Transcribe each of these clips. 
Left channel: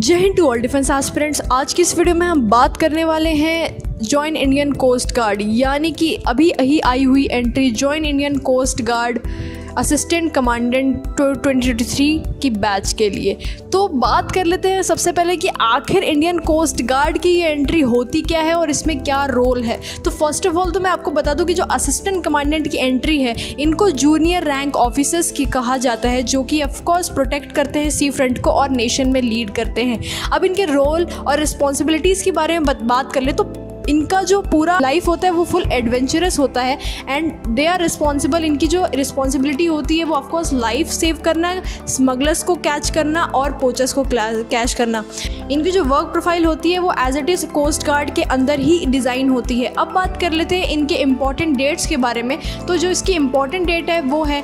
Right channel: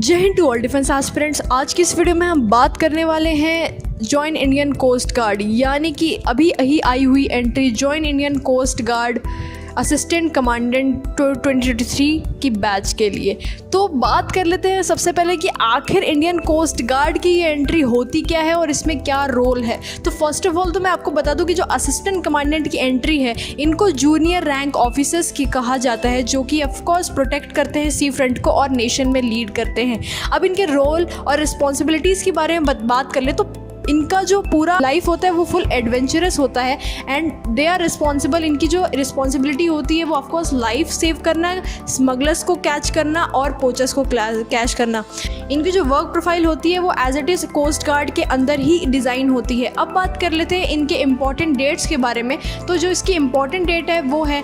जय हिंद to all defence aspirants. आज की इस वीडियो में हम बात करने वाले हैं जॉइन इंडियन कोस्ट गार्ड, यानी कि अभी आई हुई entry join Indian coast guard assistant commandant 2023 की बैच के लिए। तो बात कर लेते हैं सबसे पहले कि आखिर इंडियन कोस्ट गार्ड की ये एंट्री होती क्या है और इसमें क्या रोल है। तो फर्स्ट ऑफ ऑल तो मैं आपको बता दूं कि जो असिस्टेंट कमांडेंट की एंट्री है इनको जूनियर रैंक ऑफिसर्स की कहा जाता है, जो कि ऑफकोर्स प्रोटेक्ट करते हैं सी फ्रंट को और नेशन में लीड करते हैं। अब इनके रोल और रिस्पॉन्सिबिलिटीज़ के बारे में बात कर ले तो इनका जो पूरा लाइफ होता है वो फुल एडवेंचरस होता है एंड दे आर रिस्पॉन्सिबल। इनकी जो रिस्पॉन्सिबिलिटी होती है वो ऑफकोर्स लाइफ सेव करना, स्मगलर्स को कैच करना और पोचर्स को कैच करना। इनकी जो वर्क प्रोफाइल होती है वो as it is coast guard के अंदर ही डिज़ाइन होती है। अब बात कर लेते हैं इनके इम्पॉर्टेंट डेट्स के बारे में। तो जो इसकी इम्पॉर्टेंट डेट है वो है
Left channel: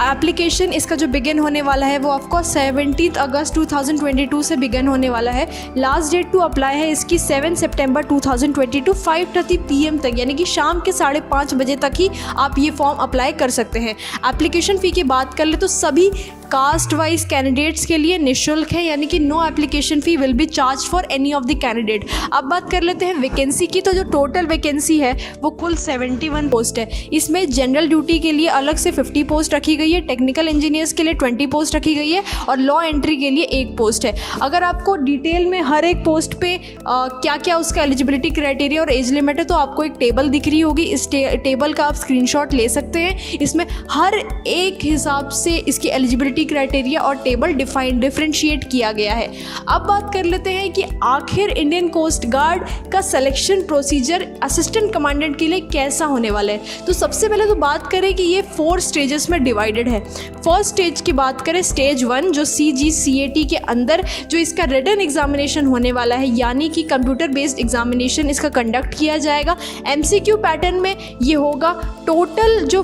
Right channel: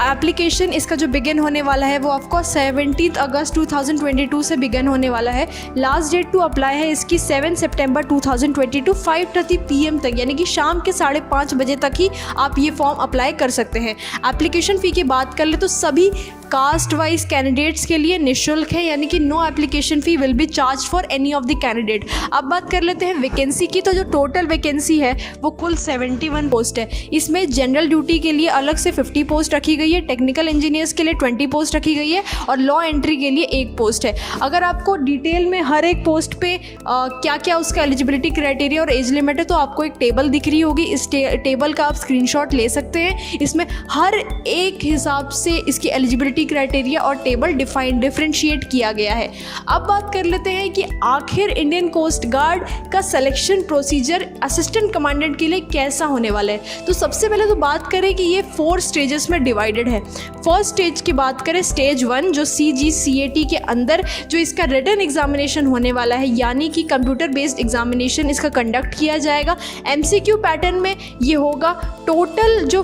एप्लीकेशन, इसका जो बिगिन होने वाला है वो ऑफकोर्स 17 अगस्त 2022 से बिगिन होने वाला है। लास्ट डेट टू अप्लाई है इसकी 7 सितंबर 2022 5:30 PM तक, यानी कि शाम के 5:30 बजे तक ही आप ये फॉर्म अप्लाई कर सकते हैं। एप्लीकेशन फ़ी की बात कर ले तो सभी कास्ट वाइज कैंडिडेट्स के लिए निःशुल्क है, यानी कि no application fee will be charge for any of the candidate. अब बात कर लेते हैं वैकेंसी की। तो जो टोटल वैकेंसी है वो कुल 71 पोस्ट है। इसमें जनरल ड्यूटी के लिए अलग से 50 पोस्ट रखी गई है, टेक्निकल इंजीनियर्स के लिए 20 पोस्ट रखी गई है और लॉ एंट्री के लिए 1 पोस्ट है। अगर आपको डिटेल में हर एक पोस्ट पे क्या क्या उसका एलिजिबिलिटी क्राइटेरिया और एज लिमिट है तो आपको एक टेबल दिख रही होगी। इस टेबल का आप स्क्रीनशॉट ले सकते हैं। इसमें हर एक हिसाब से इसकी एलिजिबिलिटी क्राइटेरिया और टेबल डिफरेंशिएट किया गया है। अब बात कर लेते हैं कि आखिर इंडियन कोस्ट गार्ड का सिलेक्शन प्रोसीजर असिस्टेंट कमांडेंट के लिए कैसा होने वाला है। तो सबसे पहले तो बात करें कि ये 4 स्टेजेस में डिवाइडेड है। फर्स्ट स्टेज की बात करें, स्टेज 1 जो CGCAT के अंदर जो इसका रिटन एग्जामिनेशन होने वाला है, यानी कि कंप्यूटर बेस्ड एग्जामिनेशन इसका कंडक्ट किया जाएगा। MCQ पैटर्न में ये होगा। टोटल जो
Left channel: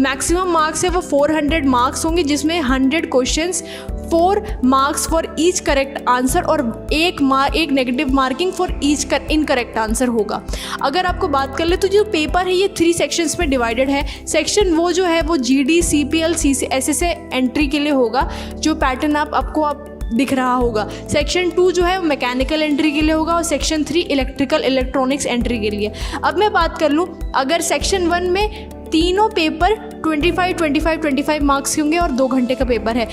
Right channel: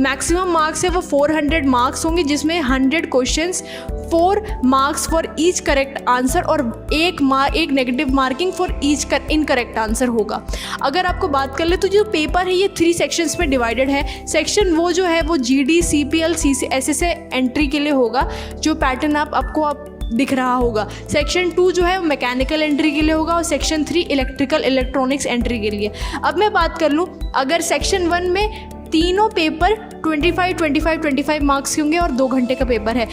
मैक्सिमम मार्क्स है वो 400 मार्क्स होंगे, जिसमें 100 questions, 4 marks for each correct answer और एक negative marking for each incorrect answer होगा। अगर आपको बात कर ले तो जो पेपर है ये 3 सेक्शंस में डिवाइडेड है। सेक्शन वो जो है वो GD CPL CSSA एंट्री के लिए होगा, जो पैटर्न आपको दिख रहा होगा। सेक्शन 2 जो है मैकेनिकल एंट्री के लिए होगा और सेक्शन 3 इलेक्ट्रिकल इलेक्ट्रॉनिक्स एंट्री के लिए। अब मैं बात कर लूँ, अगर सेक्शन 1 में तीनों पेपर 25 मार्क्स के होंगे और 2 घंटे का पेपर है।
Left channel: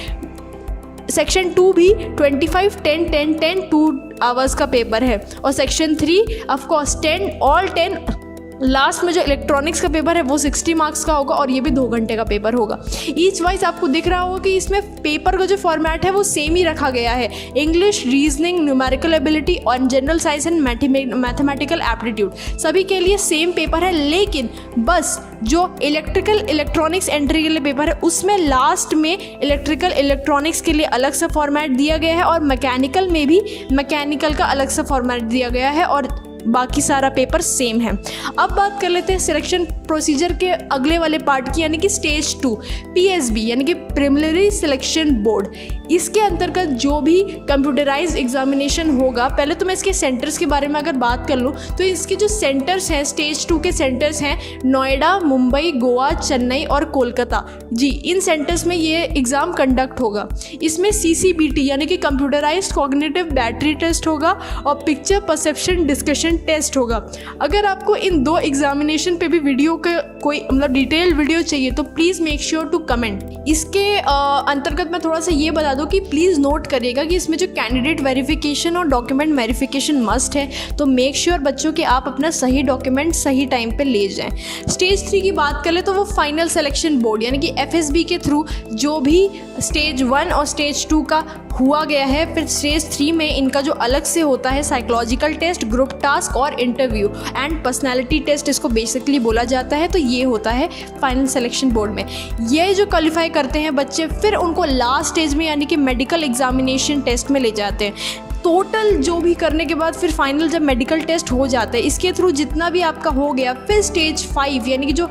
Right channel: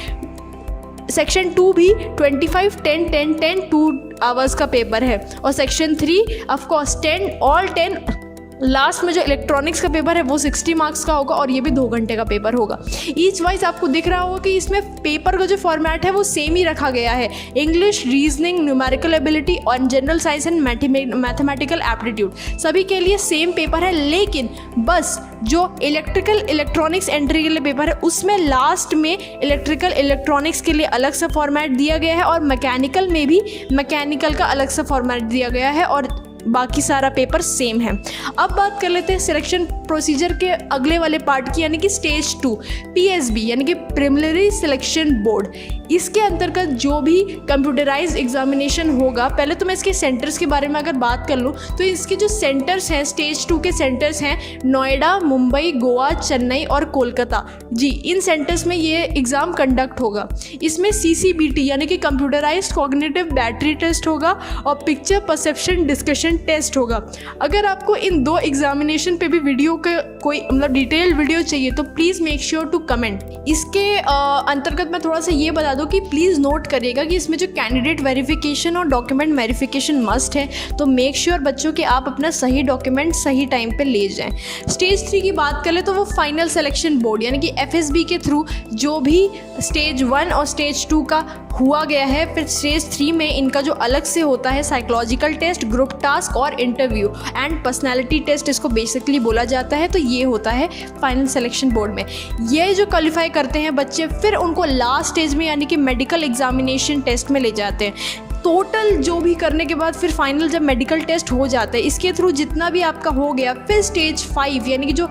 सेक्शन 2 भी 25 10 10 10 2 आवर्स का पेपर है और सेक्शन 3 ऑफकोर्स 10 लास्ट में जो इलेक्ट्रॉनिक्स का पेपर है वो 60 मार्क्स का होगा और ये भी 2 घंटे का पेपर होगा। ईच वाइज आपको दिख रहा होगा कि इसमें पेपर का जो फॉर्मेट है वो सेम ही रखा गया है। इंग्लिश, रीजनिंग, न्यूमेरिकल एबिलिटी और general science and mathematical aptitude सभी के लिए सेम पेपर है, लेकिन बस जो इलेक्ट्रिकल इलेक्ट्रॉनिक्स एंट्री के लिए पेपर है उसमें लास्ट में इलेक्ट्रिकल इलेक्ट्रॉनिक्स के लिए अलग सा फॉर्मेट दिया गया है और मैकेनिकल में भी मैकेनिकल का अलग सा फॉर्मेट दिया गया है और बाकी सारा पेपर सेम है। अब बात कर लेते हैं सिलेक्शन प्रोसीजर के अगले वाले पार्ट की, यानी कि स्टेज 2 PSB यानी कि प्रिलिमिनरी सिलेक्शन बोर्ड। इसके अंतर्गत जो भी कंप्यूटराइज्ड एग्जामिनेशन होगा, पहले तो मैं इसके सेंटर्स के बारे में अगर बात कर लूँ तो इसके जो सेंटर्स हैं स्टेज 2 के सेंटर्स हैं नोएडा, मुंबई, गोवा, चेन्नई और कोलकाता। जी, इन सेंटर्स में ये एग्ज़ाम कंडक्ट होगा। इसमें CCBT यानी कि कंप्यूटराइज्ड कॉग्निटिव बैटरी टेस्ट होगा और पिक्चर परसेप्शन डिस्कशन टेस्ट होगा। अगर आपको इन 2 एग्जामिनेशन पे भी वीडियो का कोई मतलब डिटेल वीडियो चाहिए तो please make sure to comment. इसके अंतर्गत मैं थोड़ा सा ये बता दूं कि प्लीज़ नोट करिएगा कि इसमें जो कैंडिडेट वेरिफिकेशन और डॉक्यूमेंट वेरिफिकेशन मस्ट है, तो मेक श्योर बच्चों कि आप अपना सही डॉक्यूमेंट सही टाइम पे ले जाएं। स्टेज 3 की बात करें तो वो फाइनल सिलेक्शन बोर्ड यानी कि FSB के थ्रू जो भी स्टेज 1 और स्टेज 2 का हुआ गया है, फिर स्टेज 3 में इनका जो अलग से होता है साइकोलॉजिकल टेस्ट, ग्रुप टास्क और इंटरव्यू एंड पर्सनालिटी टेस्ट, इसको बेसिकली बोला जाता है। तो ये होता है फाइनल सिलेक्शन बोर्ड में। ये जो क्वालिफाई करते हैं बच्चे फिर उनको लास्ट स्टेज में यानी कि मेडिकल एग्जामिनेशन टेस्ट में ले जाते हैं। टोटल जो भी करने के बाद फिर फाइनल जब मेडिकल टेस्ट हो जाता है, इसके थ्रू जितना भी आपका हो गया, फिर स्टेज 5 यानी कि जो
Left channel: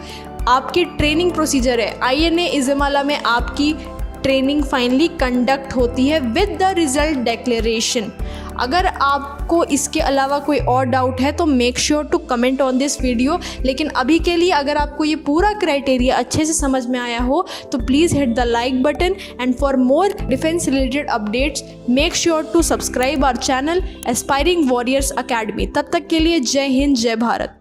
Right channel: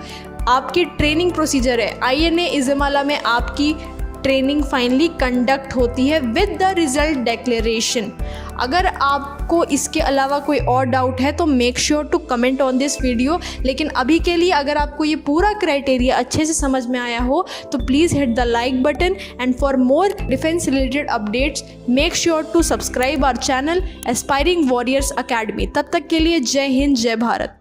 आपकी ट्रेनिंग प्रोसीजर है INA इज़माला में आपकी ट्रेनिंग फाइनली कंडक्ट होती है विद द रिजल्ट डिक्लेरेशन। अगर आपको इसके अलावा कोई और डाउट है तो make sure to comment on this video. लेकिन अभी के लिए अगर आपको ये पूरा क्राइटेरिया अच्छे से समझ में आया हो तो please hit the like button, and for more defence related updates make sure to subscribe our channel aspiring warriors academy. तब तक के लिए जय हिंद, जय भारत।